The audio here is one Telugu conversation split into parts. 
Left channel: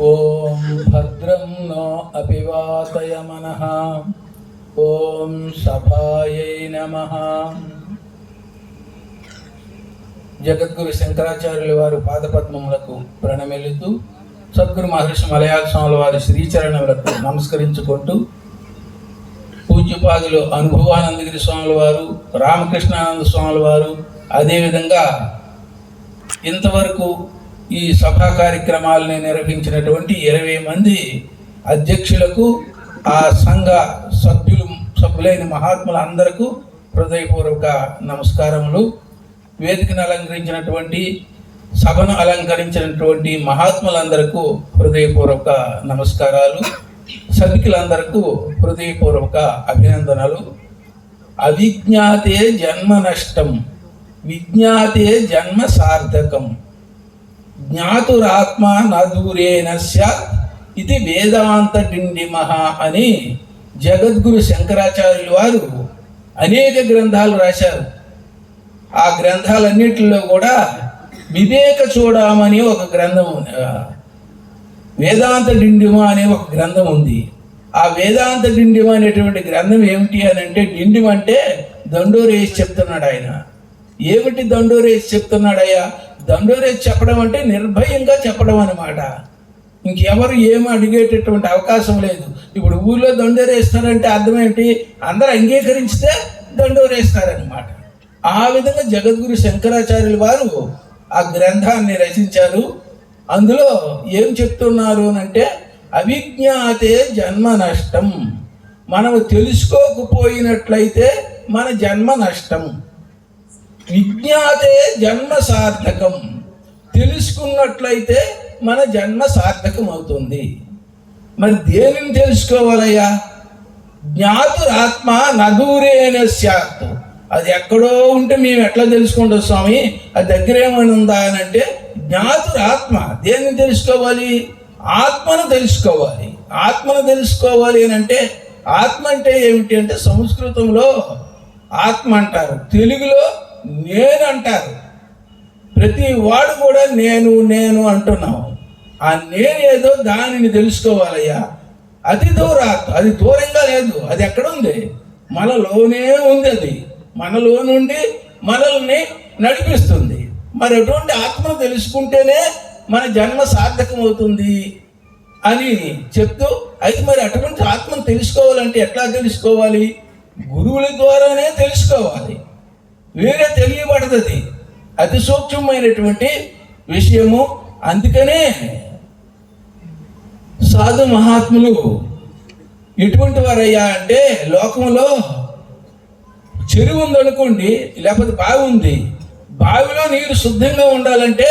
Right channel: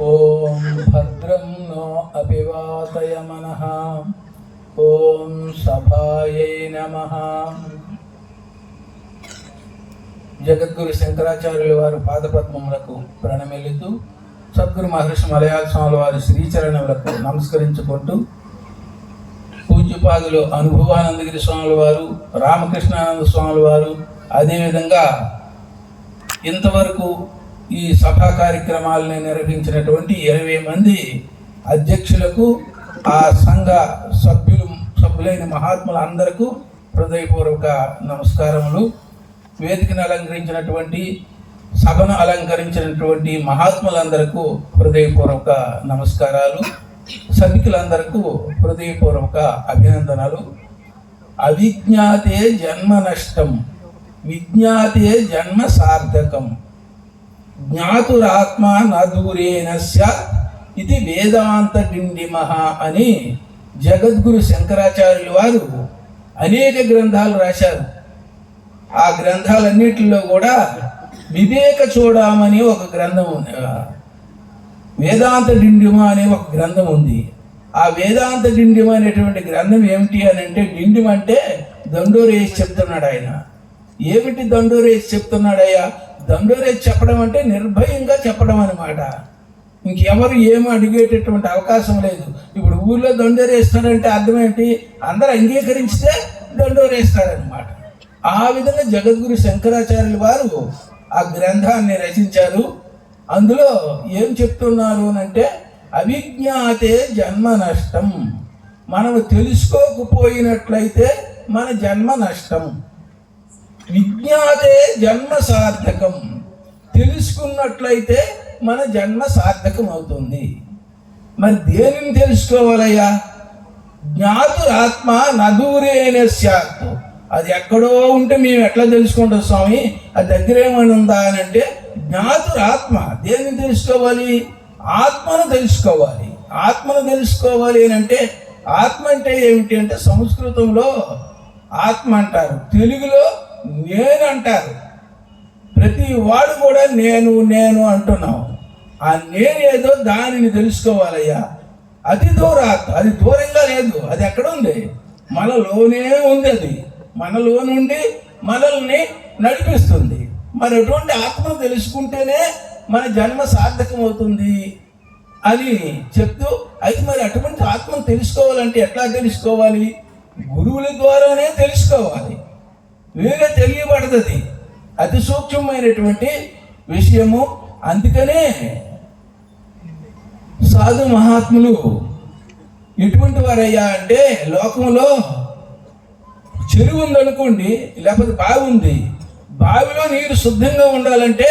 ॐ भद्रं नो अपिवातयमनः ॐ सभायै नमः జగద్గురు శంకరాచార్యుల వారు పాదపద్మములకు ప్రణమిల్లుతూ సద్గురు మహర్షి మలయాళ స్వాముల వారి శ్రీచరణములకు నమస్కరించుకుంటూ పూజ్యపాదులు అనుభవానందగిరి స్వాముల వారు రామకృష్ణానంద స్వాముల వారు అదేవిధంగా ఇంతవరకు ఈ సభా కార్యక్రమాలని నిర్వహించినటువంటి ఇరవై మంది అధ్యక్షులకు ఆ సంఘ సభ్యులు సభ్యులైన మహాత్ములు అందరకు హృదయపూర్వక నమస్కారములు. వేదికను అలంకరించినటువంటి సభను అలంకరించినటువంటి మహాత్ములందరకు హృదయపూర్వక నమస్కారాలు. సభికులందరకు హృదయపూర్వక అభినందనలు. అవిజ్ఞాతే జన్మ నష్టం విజ్ఞాతే జన్మ సార్థకం. జ్ఞాతురాత్మ నదూరేనస్య ఇది వేదాంత డిండిమహ అని జగద్గురు శంకరాచార్యులు వారు అనేక గ్రంథాలు రాశారు. ఆ గ్రంథాలన్నిటిలో కూడా వివేక చూడమని ఒక గ్రంథం ఉంది. వేదాంత డిండిమ అనే ఒక గ్రంథం ఉంది. ఆ వేదాంత డిండిమ అనేటువంటి గ్రంథం ఏమిటి అని అంటే డిండిమ అంటే దండోరేసి చెప్తున్నాడు ఆయన. ఏమిటి దండోరేసి చెప్తున్నాడయ్యా దండోరు చెప్పడం అంటే నిర్భయంగా చెప్పడం అనమాట ఇంకెవరు ఏం అడిగేటటువంటి అవకాశం లేదు. ఇప్పుడు ఊళ్ళో దండోరేస్తారంటే అర్థం ఏంటి? అందరూ అంగీకరించితే దండోరేస్తారనమాట ఆ విధంగా జగద్గురు శంకరాచార్యుల వారు ఆ గ్రంథాన్ని రచించారు. అందులో ఏం చెప్తున్నారు అంటే అవిజ్ఞాతే జన్మ నష్టం. మనము తెలుసుకోకపోయినట్లయితే మన జన్మ నష్టం. విజ్ఞాతే జన్మ సార్థకం. తెలుసుకున్నట్లయితే మన జన్మ సార్థకం అవుతుంది మరి దేనిని తెలుసుకోవాలయ్యా? జ్ఞాతురాత్మ నదూరేణ స్యాత్ అది ఎక్కడో ఉంటే మేము ఎట్లా తెలుసుకుంటాం స్వామి? అది దగ్గర ఏమైనా ఉందా అని అంటే జ్ఞాతురాత్మ. దేన్ని తెలుసుకోవాలి? ఆత్మను తెలుసుకోవాలి. ఆత్మను తెలుసుకోవాలి అని అంటే ఆత్మ అంటే ఏమిటి అంటే సంస్కృతంలో ఆత్మ అంటారు. తెలుగులో నేను అంటారు ప్రతి వాడు కూడా నేను నేను అంటున్నావు. ఆ నేనేదో దానిని తెలుసుకోవాలయ్యా. అతి దూరాత్ అది దూరంగా లేదు అది ఎక్కడ ఉంది? మనలోనే ఉంది అది. మనలో నుండి మనల్ని నడిపిస్తుంది. మరి అటువంటి ఆత్మను తెలుసుకుంటేనే మన జన్మ సార్థకం అవుతుంది అని చెప్తూ అయితే మరి అటువంటి ఆత్మను తెలుసుకోవాలంటే ఎట్లా తెలుసుకోవాలి? గురువుల ద్వారానే తెలుసుకోవాలి. వేరే తెలియబడుతుంది. అతి సూక్ష్మమైనటువంటి విషయము. అందుకనే సాధు మహాత్ములు ఎటువంటి వారయ్యా అంటే లోకంలో చెరువు ఉందనుకోండి లేకపోతే బావి ఉంది. బావిలో నీరు శుద్ధంగా ఉండాలంటే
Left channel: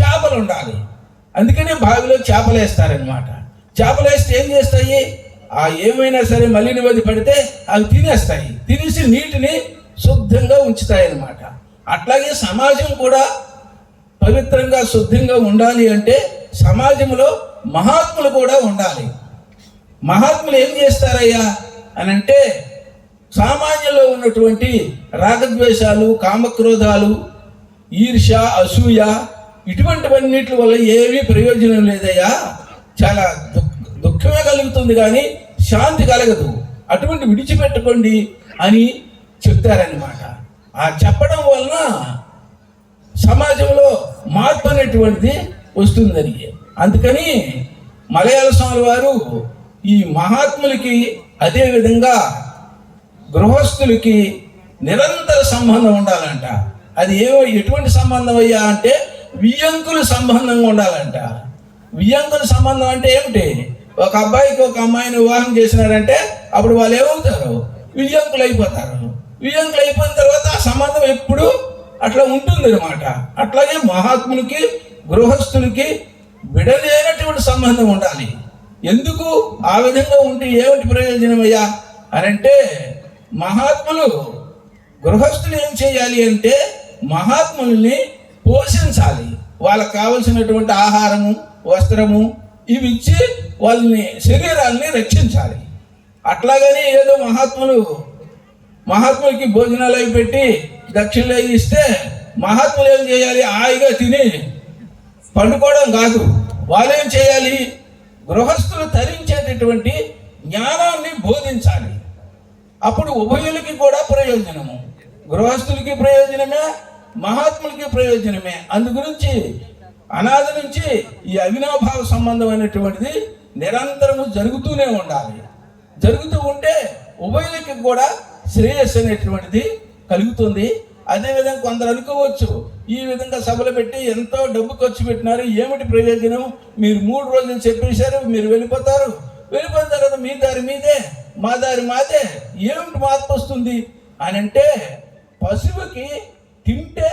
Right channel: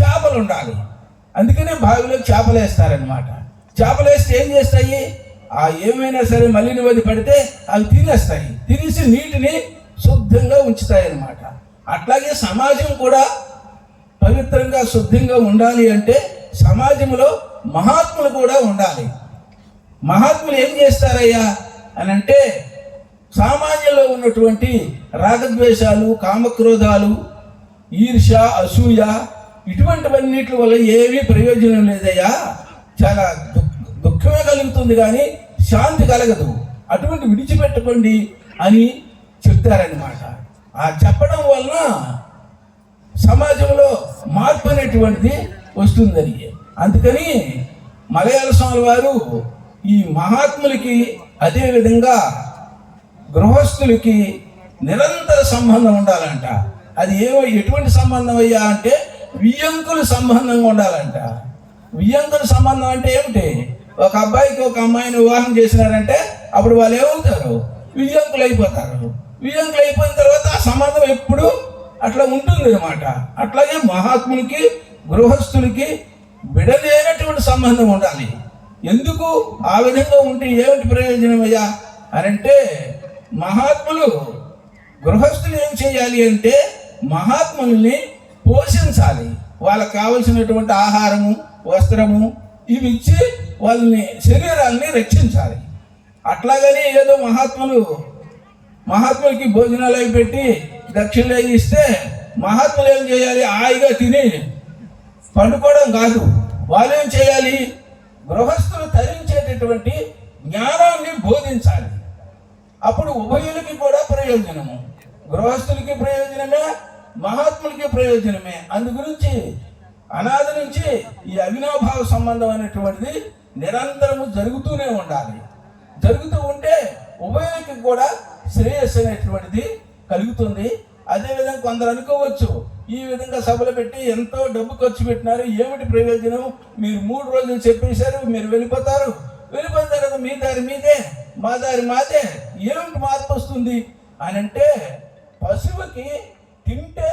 చేపలు ఉండాలి. అందుకనే బావిలో చేపలు వేస్తారనమాట చేపలు వేస్తే ఏం చేస్తాయి? ఆ ఏమైనా సరే మలిని వది పడితే అవి తినేస్తాయి. తినేసి నీటిని శుద్ధంగా ఉంచుతాయన్నమాట. అట్లాగే సమాజం కూడా పవిత్రంగా శుద్ధంగా ఉండాలి అంటే సమాజంలో మహాత్ములు కూడా ఉండాలి. మహాత్ములు ఏం చేస్తారయ్యా అని అంటే సామాన్యంలో ఉన్నటువంటి రాగద్వేషాలు కామక్రోధాలు ఈర్ష్య అసూయ ఇటువంటివన్నిటి వల్ల ఏమీ ప్రయోజనం లేదయ్యా. చాలా దు- దుఃఖమే కలుగుతుంది కానీ శాంతి కలగదు. అటువంటి విడిచిపెట్టుకోండి అని చెప్తారనమాట ఆ చెప్పడం వలన సమాజంలో మార్పు అనేటువంటిది వస్తుందని అందుకని మలయాళ స్వామి వారు ఈ మహాత్ములకి అదే విధంగా గృహస్థులకి నిరంతర సంబంధం ఉండాలంట. అది ఏమో ఎటువంటి సంబంధం అయ్యా అంటే వియ్యంకుల సంబంధంగా ఉండాలంట. వియ్యంకుల సంబంధం అంటే ఏమిటి? ఒక అబ్బాయికి ఒక అమ్మాయిని వివాహం చేసినారంటే అప్పుడు వాళ్ళు ఏమవుతారు? వియ్యంకులు అయిపోతారు. వియ్యంకులు అయిపోయిన తర్వాత ఆ సంబంధం ఎప్పుడు అట్లా ఉంటుంది అనమాట అట్లాగే మహాత్ములకి గృహస్థులకి విడలేనటువంటి సంబంధం ఉండాలి. ఎందుకు? ఆ విధంగా ఉంటే ఏమిటి ప్రయోజనం అయ్యా? అని అంటే మహాత్ములు గృహస్థులు ఏం చేయాలి అంటే మహాత్ముల్ని పోషించాలి. వాళ్ళకి కావలసినటువంటి ఆహారము వస్త్రము ఇవి ఇచ్చి వాళ్ళని శరీరాన్ని రక్షించాలి. అట్లాగని ఏదో మహాత్ములు మహాత్ములకి భోజనాలు అవి పెట్టి దక్షిణలు అవి ఇస్తే మహాత్ములు ఏం చేయాలి? హాయిగా తిని పండుకోవడం కాదు. వాళ్ళేం చేయాలి? గృహస్థులు తరించేటటువంటి జ్ఞానాన్ని బోధించాలి. అప్పుడు ఉభయులకి కూడా ప్రయోజనము గృహస్థులకి ప్రయోజనమే మహాత్ములకి ప్రయోజనమే. అందు గురించి అనాది నుంచి ఈ అవినాభావ సంబంధం అనేటువంటిది నిరంతరము జరుగుతూనే ఉండాలి. జరుగుతూ ఉంటే ఉభయులకి కూడా శ్రేయస్సు అనేటువంటిది కలుగుతుంది. అదేవిధంగా కొందరు అనుకోవచ్చు ఈ విధంగా సభలు పెట్టి ఎంతో డబ్బు ఖర్చు పెట్టినారు ఏమిటి ప్రయోజనం? మీరు మూడు రోజులు చెప్పేశారు మీరు వెళ్ళిపోతారు. వెళ్ళిపోతారు కదా మీ దారి మీదే మా దారి మాదే ఏమిటి మార్పు వస్తుంది? అని అంటే పశువుకి తింటే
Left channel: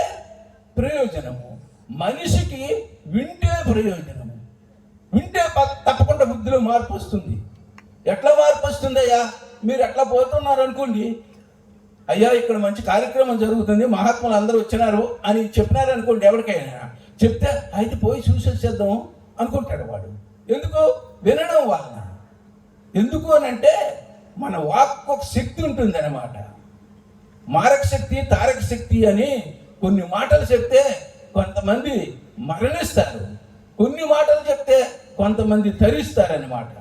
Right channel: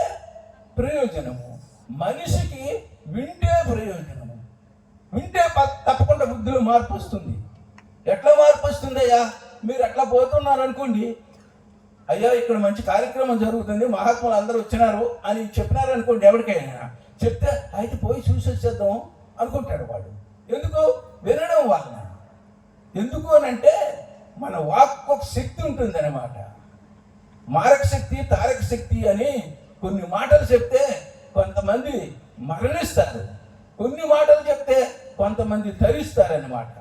ప్రయోజనము మనిషికి వింటే ప్రయోజనము. వింటే ప- తప్పకుండా బుద్ధిలో మార్పు వస్తుంది. ఎట్లా మార్పు వస్తుంది అయ్యా? మీరు ఎట్లా పోతున్నారు అనుకోండి అయ్యా ఇక్కడ మంచి కార్యక్రమం జరుగుతుంది మహాత్ములు అందరూ వచ్చినారు అని చెప్పినారు అనుకోండి ఎవరికైనా. చెప్తే అయితే పోయి చూసేసేద్దాం అనుకుంటాడు వాడు. ఎందుకు? వినడం వలన. ఎందుకు అని అంటే మన వాక్ ఒక శక్తి ఉంటుంది అనమాట మారక శక్తి తారక శక్తి అని కొన్ని మాటలు చెప్తే కొంతమంది మరణిస్తారు. కొన్ని మాటలు చెప్తే కొంతమంది తరిస్తారన్నమాట.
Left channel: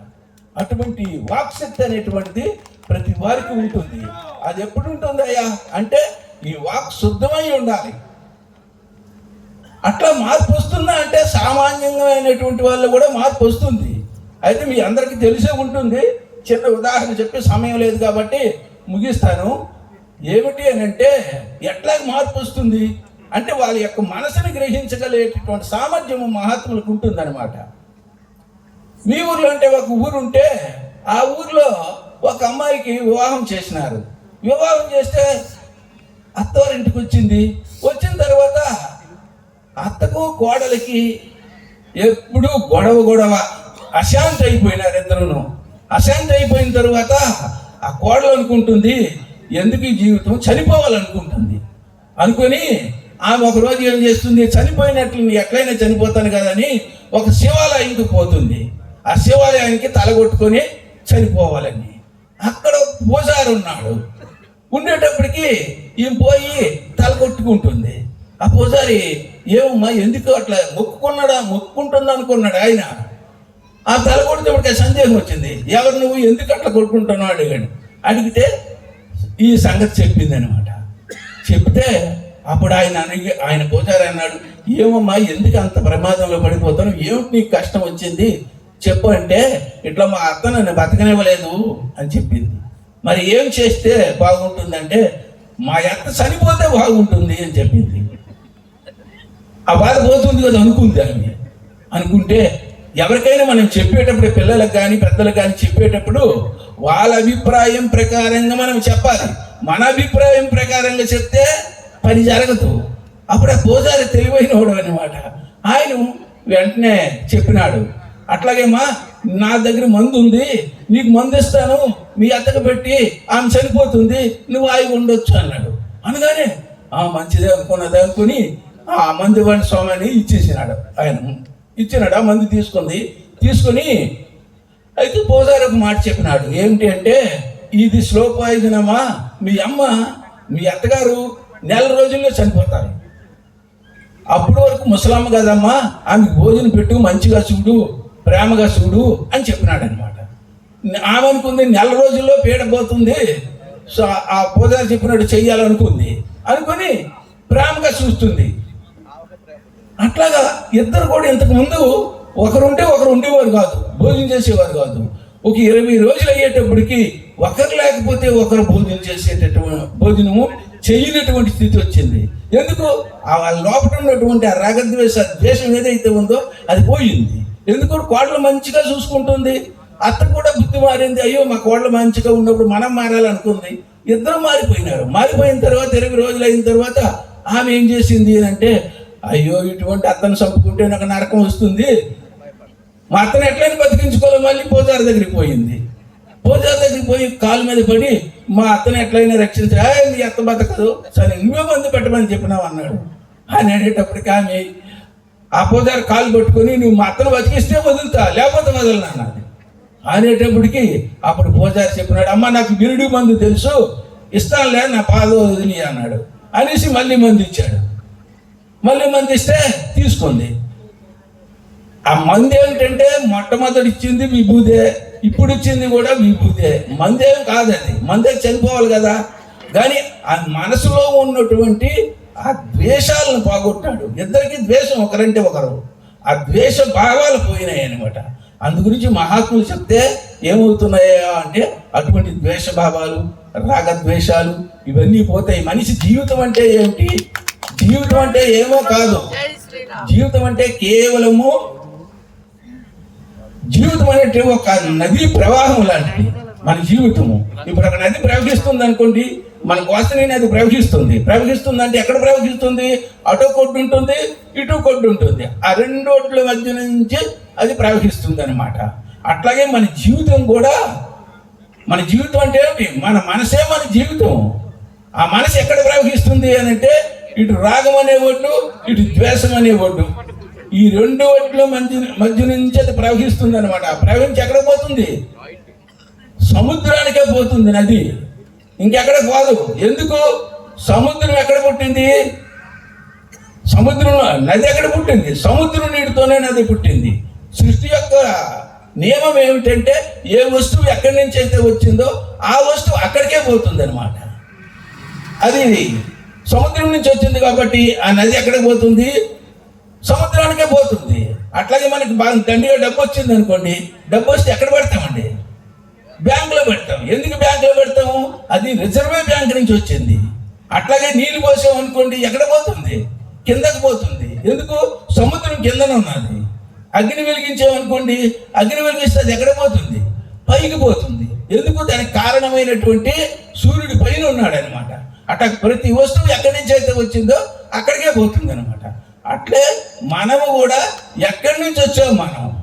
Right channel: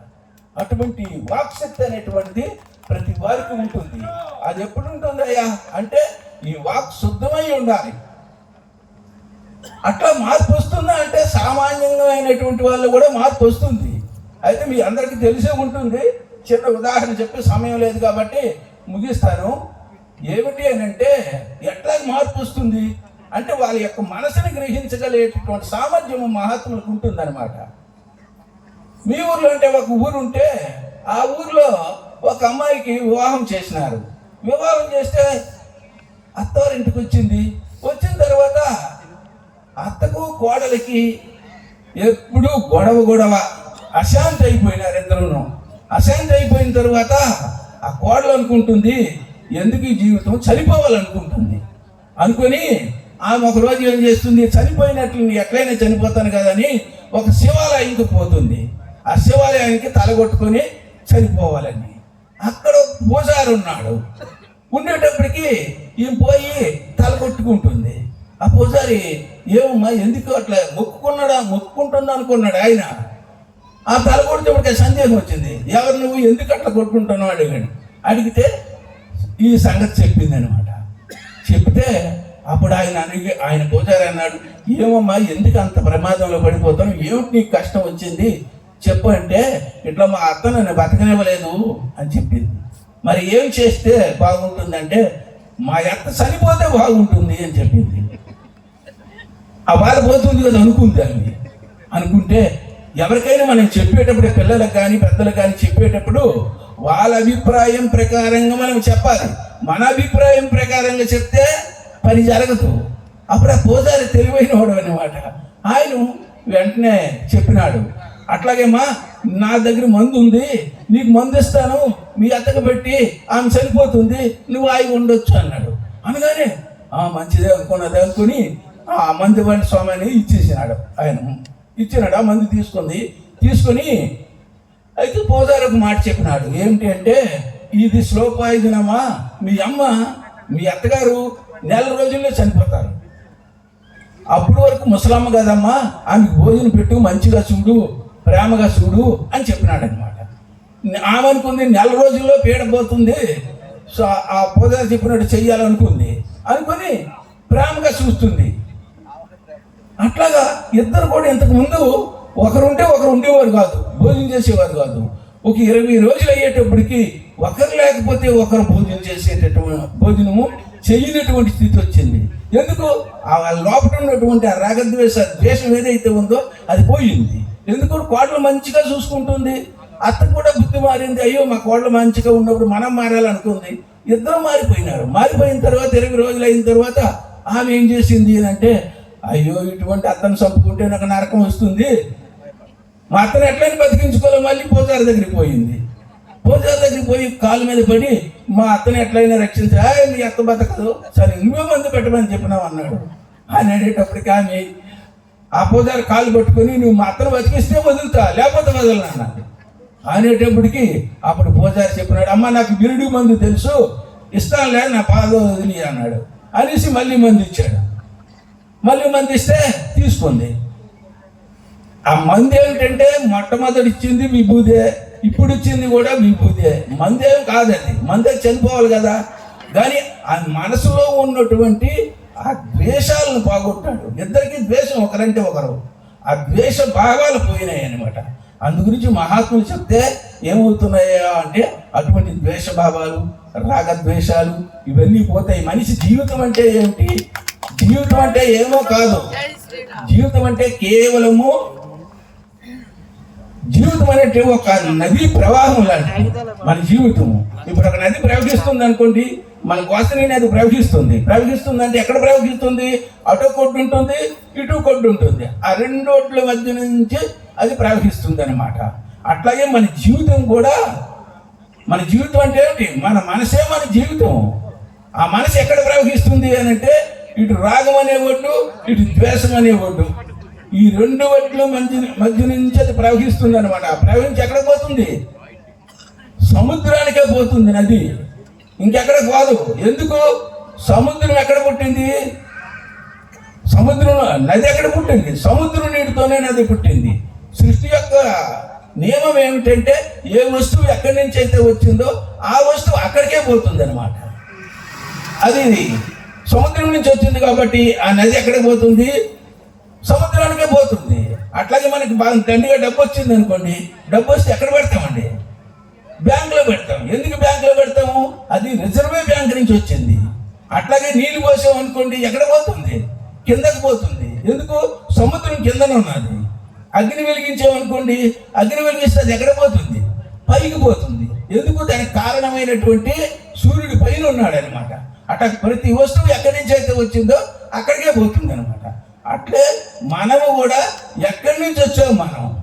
అటువంటి వాక్శక్తి అనేటువంటిది ప్రతి వారికి ఉంటుంది. అది ఎప్పుడు ఉంటుందయ్యా అంటే ఈ వాక్ శుద్ధమై ఉండాలి. అట్లా మార్పు వస్తుందా? అంటే సామాన్యంగా అయినటువంటి వాళ్ళు కూడా మార్పు వస్తుంది. అయితే మీ అందరికీ తెలిసే ఉంటుంది. చిన్న ఉదాహరణ చెప్పి సమయం లేదు కాబట్టి ముగిస్తాను. ఏమిటి అని అంటే ఎట్లా మార్పు వస్తుంది? అంటే వాళ్ళ యొక్క మనసుని గ్రహించగలిగేటటువంటి సామర్థ్యం మహాత్ములకు ఉంటుందన్నమాట. మీ ఊర్లో అంటే ఒక ఊరు ఉంటే ఆ ఊర్లో ఒక అమ్మాయికి వివాహం చేసినారు. వివాహం చేస్తే అత్తవారింటికి వచ్చింది. వచ్చిన తర్వాత అత్తకు కోడలికి ఎప్పుడు గొడవ గొడవ అశాంతి అయిపోయినారు ఇద్దరును. అశాంతి అయిపోయిన తర్వాత ఆ కోడలు అనుకుంటుంది ఎందుకు ఈ జీవితం చనిపోవాలనుకుంటుంది? అనుకొని ఆమె ఒక రోజు ఏం చేస్తుంది? చనిపోయినట్లు ఎక్కడైనా చనిపోతాను చనిపోతాను కదని ఒక శివాలయంకి పోతుంది. ఆ శివాలయానికి తలగొట్టుకొని చనిపోవాలని. అక్కడ పూజారి ఉన్నాడు. ఉండేటప్పటికి ఈ పోయి తల కొట్టుకుంటుంది. ఆ పూజారి ఏమమ్మా ఎందుకు అట్లా మొక్కుకున్నాడా? మొక్కుకుంటుందా అనుకున్నాడు ఆయన. ఆ తలగొడితే సందేహం వచ్చింది. ఎవరు నువ్వు? ఎందుకు అట్లా కొట్టుకుంటున్నావు? అడిగాడు. అడిగితే ఈ సంగతి చెప్పింది అనమాట చెప్తే అప్పుడు ఆయన అడిగి ఆయన పూజారి అన్నాడు ఏమమ్మా ఎందుకు అంత ప్రమాదంలో పడిపోతాను ఏమిటి నీకు కష్టం వచ్చింది? చెప్పు అంటే ఇట్లా మా అత్త నన్ను బతకనివ్వలేదు అని చెప్పింది. మరి ఏం చేస్తే బాగుంటుందంటే మా అత్త చనిపోతే బాగుంటుంది అని చెప్పింది. ఆ బాధ పోతుంది కదా అనుకుంది ఆమె. అనుకుంటే ఎవరికైనా మనం చెప్పేటప్పుడు పిల్లలకు కానీ పెద్దలకు కానీ చెప్పేటప్పుడు వాళ్ళ అభిప్రాయం ప్రకారంగా మనం చెప్పాలి. మన అభిప్రాయం ప్రకారంగా చెప్తే పని జరగదు. అప్పుడు ఆ పూజారి తెలివైన వాడు అనమాట ఆయన వెంటనే చెప్పినాడు అట్లాగేమ్మా నా దగ్గర మందు ఉంది నీకు మందు ఇస్తాను మీ అత్తకు పెట్టి ఆమె చనిపోతుంది నువ్వు ఆగి ఉండొచ్చు అన్నాడు. అనగానే ఆ మంచిదే అనుకున్నది అనుకుని ఆ మంది వంటి స్వామిని ఇచ్చేసినాడు ఆయన. ఇచ్చినాడు ఆ మంది తీసుకుంది. తీసుకుని అయితే పూజారి మాట చెప్పినాడు. ఏమిటి అంటే ఇది శ్లోకాయుధనమా మీ అమ్మ మీ అత్తగారు నెల రోజుల్లో చనిపోతారు. అప్పటి వరకు ముసలమ్మ కదమ్మా ఆమెకు భోజనం పెట్టు మంచిగా చూడు ప్రేమగా చూడు అని చెప్పినాడు అనమాట ఆమె అనుకుంది నెల రోజుల్లో పీడపోతుంది సో ఆ పూజా చెప్పినట్టు చెయ్యాలనుకుంది. అనుకుని ప్రేమగా చూస్తుంది. అట్లాగా ఇద్దరు కూడా ఇంతకు ముందు ఒకరుంటే ఒకరు ఉండేవారు కాదు భోజనం చేసేవారు కాదు. ఒక ఇరవై రోజులు అయ్యేటప్పటికి ఒకరు లేకపోతే ఒకరు భోజనం చేసేటటువంటి భోజనము చేయనటువంటి స్థితి వచ్చింది. ఎందుకు? లోపల ఉన్నటువంటి ఆ రాగద్వేష ద్వేషం ఏదైతే ఉందో అది పోయింది. ఎందుకు? కోడలు మంచిగా చూసుకుంటుంది. అత్త కూడా బుద్ధి మారింది. అయ్యో మా కోడలు మంచిగా ఉన్నప్పుడు మనం మారాలనుకుంది. ఇద్దరు మారిపోయినారు. మారిపోయిన తర్వాత ఇరవై రోజులు అయిన తర్వాత ఆమె ఏం చేసింది అంటే అయ్యో ఇటువంటి అత్తను చంపుకుంటే నాకు నరకం వస్తుంది. మా అత్తను ఎట్లయినా బతికించుకోవాలి మళ్ళీ పోతారు దగ్గరికి పోయింది. పూజారి దగ్గరికి పోయి కాలు మీద పడి మా అత్తని ఎట్లయినా రక్షించరా? మీ అత్త బతకదు. సరే నువ్వే మందు పెట్టమని చెప్పినావు అన్నాడు. ఆయన అనేటప్పటికి ఆమె ఆ పూజారి కాలు పట్టుకొని నువ్వు మా అత్తను బతికిస్తే వదులుతా లేకపోతే వదలను అన్నాడు అనేటప్పటికి అప్పుడు పూజారి చెప్పినాడు అమ్మ నాకు బిరుడు మందు తెలుసు ఇస్తానులే నా పాద వదిలి అన్నాడు. అనేసి మళ్ళీ మందు ఇచ్చాడు. మళ్ళీ మంది ఇస్తే తీసుకుంది. ఆ మంది ఏమిటంటే మొట్టమొదటి ఇచ్చింది విభూదే. ఇప్పుడు ఇచ్చింది కూడా విభూదే మందేం కాదు అది మందే చనిపోవాలి కదా. కానీ ఆ మనసులో ఉన్నటువంటి ఆ ద్వేషాలను పోగొట్టాడు. ఇద్దరికి ద్వేషం ఒకరంటే ఒకరు. ఆ ద్వేష భావాలు పోయినాయి అనమాట అందు గురించి మహాత్ములు చెప్తే ఏమవుతున్నాయో అంటే అటువంటి ద్వేష భావాలు రాగద్వేషాలు ఇవన్నీ పోతాయి. మనిషి జీవితం అంటే ఏమిటి జీవితం అంటే ఏమో కాదు. జీవితం అంటే కేవలము జీవితం అనేది ఒక నది ప్రవాహం లాంటిది. మన జీవితం ఇప్పుడు ఒక నది ప్రవహిస్తుంది అనుకోండి మన వాసన నది ప్రవహిస్తుంది. ప్రవహిస్తుంది అంటే ఎక్కడ ప్రవహిస్తుంది? అటు కొట్టు ఉంటుంది ఇటు కొట్టు ఉంటుంది. ఆ రెండోట్ల మధ్య నుంచి అది ప్రవహిస్తుంది అనమాట అట్లాగే మన జీవితం కూడా మన జీవితం అంటే ఏంటి? మన మనసే మన జీవితం. ఆ మనసు ఎక్కడ ప్రవహిస్తుంది అని అంటే ఇటు రాగం అనే ఒడ్డు ఇటు ద్వేషం అనే ఒడ్డు ఈ రెండు ఒడ్ల మధ్య మధ్య నుంచి అది ప్రవహిస్తుంది అనమాట ప్రవహించి ఎక్కడ పోతుంది? సముద్రానికే పోతుంది నది. ఇంకెక్కడ కాదు ఎందుకు? సముద్రం ఎక్కడ పుట్టింది? సముద్రం నది ఎక్కడ పుట్టింది? సముద్రం నీటితోనే నది పుట్టింది. సృష్టి యొక్క నియమం ఏమిటంటే ఏ వస్తువు ఎక్కడి నుంచి అయితే వచ్చిందో ఆ వస్తువు అక్కడికే పోతుంది అనమాట అది సముద్రం నుంచి వచ్చింది కాబట్టి ఆ నది ఎక్కడికి పోతుంది? సముద్రానికే పోతుంది. అట్లాగే మనకి బాగా దండిగా డబ్బు వచ్చింది అనుకోండి డబ్బు వస్తే ఎక్కడ పెడతామండి? బ్యాంకులో పెడతాం. ఎందుకు బ్యాంకులో పెడతాము? అది రిజర్వ్ బ్యాంక్ నుంచి వచ్చింది. అట్లాగే నీళ్ళు పోసాం అనుకోండి ఎక్కడ పోతుంది? కిందకి పోతుంది. ఎందుకు? సముద్రం కిందన ఉన్నది. అగ్ని వెలిగించామనుకోండి అగ్ని వెలిగిస్తే అది ఎక్కడ పోతుంది? పైకి పోతుంది. ఎందుకు? దానికి కారణమైనటువంటి సూర్యుడు పైన ఉన్నాడు అనమాట అట్లా ప్రతి వస్తువు ఎక్కడి నుంచి అయితే వచ్చిందో అక్కడికే పోతుంది అనమాట అట్లే మనం కూడా ఎక్కడి నుంచి వచ్చాం మనం?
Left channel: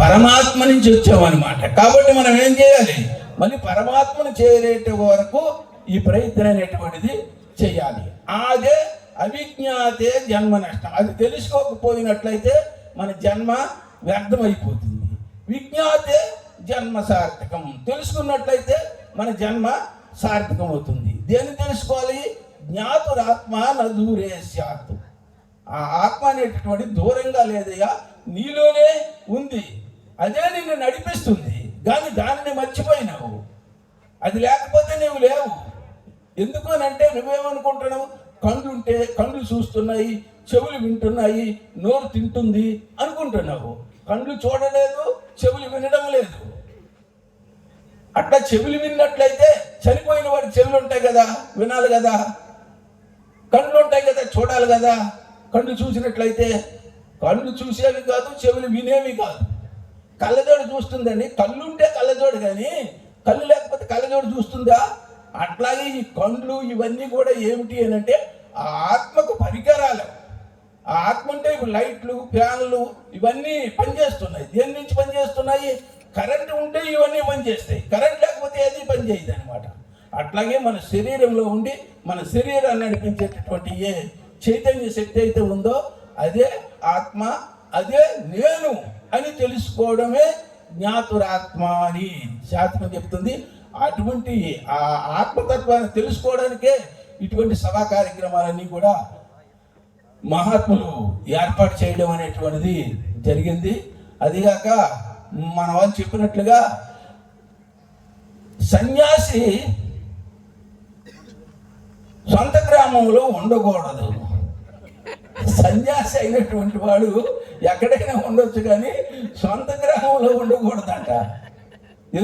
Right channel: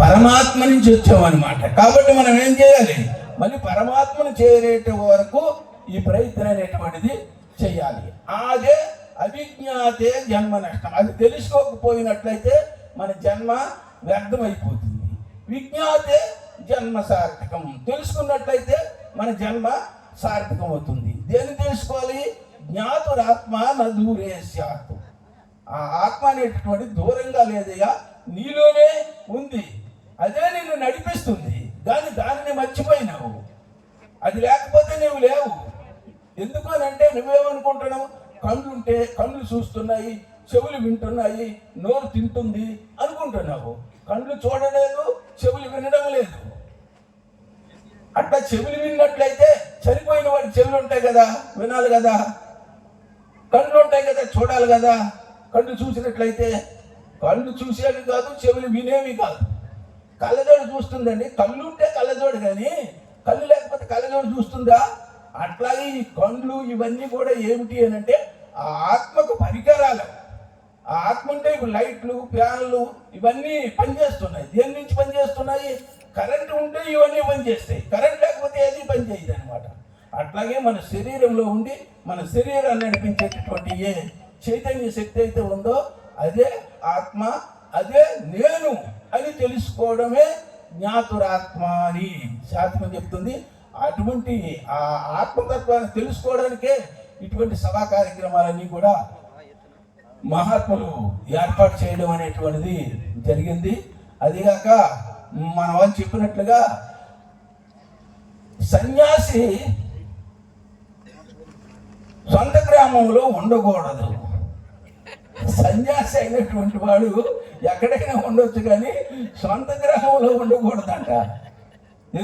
పరమాత్మ నుంచి వచ్చామన్నమాట కాబట్టి మనం ఏం చేయాలి? మళ్ళీ పరమాత్మను చేరేట వరకు ఈ ప్రయత్నం అనేటువంటిది చేయాలి. అదే అవిజ్ఞాతే జన్మ నష్టం. అది తెలుసుకోకపోయినట్లయితే మన జన్మ వ్యర్థమైపోతుంది. విజ్ఞాతే జన్మ సార్థకం. తెలుసుకున్నట్లయితే మన జన్మ సార్థకం అవుతుంది దేన్ని తెలుసుకోవాలి? జ్ఞాతురాత్మ నూరే శాత్ ఆ ఆత్మ అనేటటువంటి దూరంగా లేదయ్యా నీలోనే ఉంది. అదే నిన్ను నడిపిస్తుంది కానీ దానిని మర్చిపోయినావు. అది లేకపోతే నీవు లేవు. ఎందుకు అని అంటే నువ్వేమనుకుంటున్నావు? కళ్ళు ఉంటే కళ్ళు చూస్తున్నాయి చెవులు వింటున్నాయి నోరు తింటుంది అనుకుంటున్నావు. కళ్ళు చూడలేదు చెవులు వినడం లేదు. అట్లా చెవులు విన్నట్లయితే చనిపోయిన వాడి చెవులు ఉంటాయి కదా వినాలి కదా. కళ్ళు ఉంటాయి కదా చూడాలి కదా. కళ్ళు చూసినట్లయితే కళ్ళు చూసేవి కాదు చెవులు వినేవి కాదు. కళ్ళజోడు చూస్తుందండి. కళ్ళు ఉంటే కళ్ళజోడు కానీ కళ్ళు లేకపోతే కళ్ళజోడు చూస్తుందా? అట్లాగే ఈ కళ్ళు ఇవన్నీ కూడా ఏమిటి అని అంటే ఆ ఆత్మకు పరికరాలు. ఆ ఆత్మ అంటే ఇప్పుడు లైట్లు ఫ్యాన్లు ఇవన్నీ పనిచేస్తున్నాయి. దేని నుంచి పనిచేస్తున్నాయి? కరెంట్ ఉంటే ఇవన్నీ పనిచేస్తాయి. కరెంట్ లేకపోతే ఏది పనిచేయదు అనమాట అట్లాగే మన శరీరంలో ఉండి మన శరీరాన్ని నడిపించేటటువంటి ఏ చైతన్య శక్తి అయితే ఉందో అదే ఆత్మ అదే నేను అని తెలుసుకోవడమే జ్ఞాతురాత్మ అని శాస్త్రం చెప్తుంది అటువంటి ఆ ఆత్మతత్వాన్ని తెలుసుకోవడానికే ఇటువంటి సభా కార్యక్రమాలన్నీ కూడా మహాత్ములు ఏర్పాటు చేయడం అనేటువంటిది జరిగింది. అదిగాక మన వాళ్ళు చెప్పినట్లుగా సన్యాసి సొంత గ్రామంలో ఉండకూడదు. సన్యాసి అయినటువంటి వాడు ఎక్కడైనా ఉండొచ్చు కానీ సొంత గ్రామంలో ఉండకూడదంట.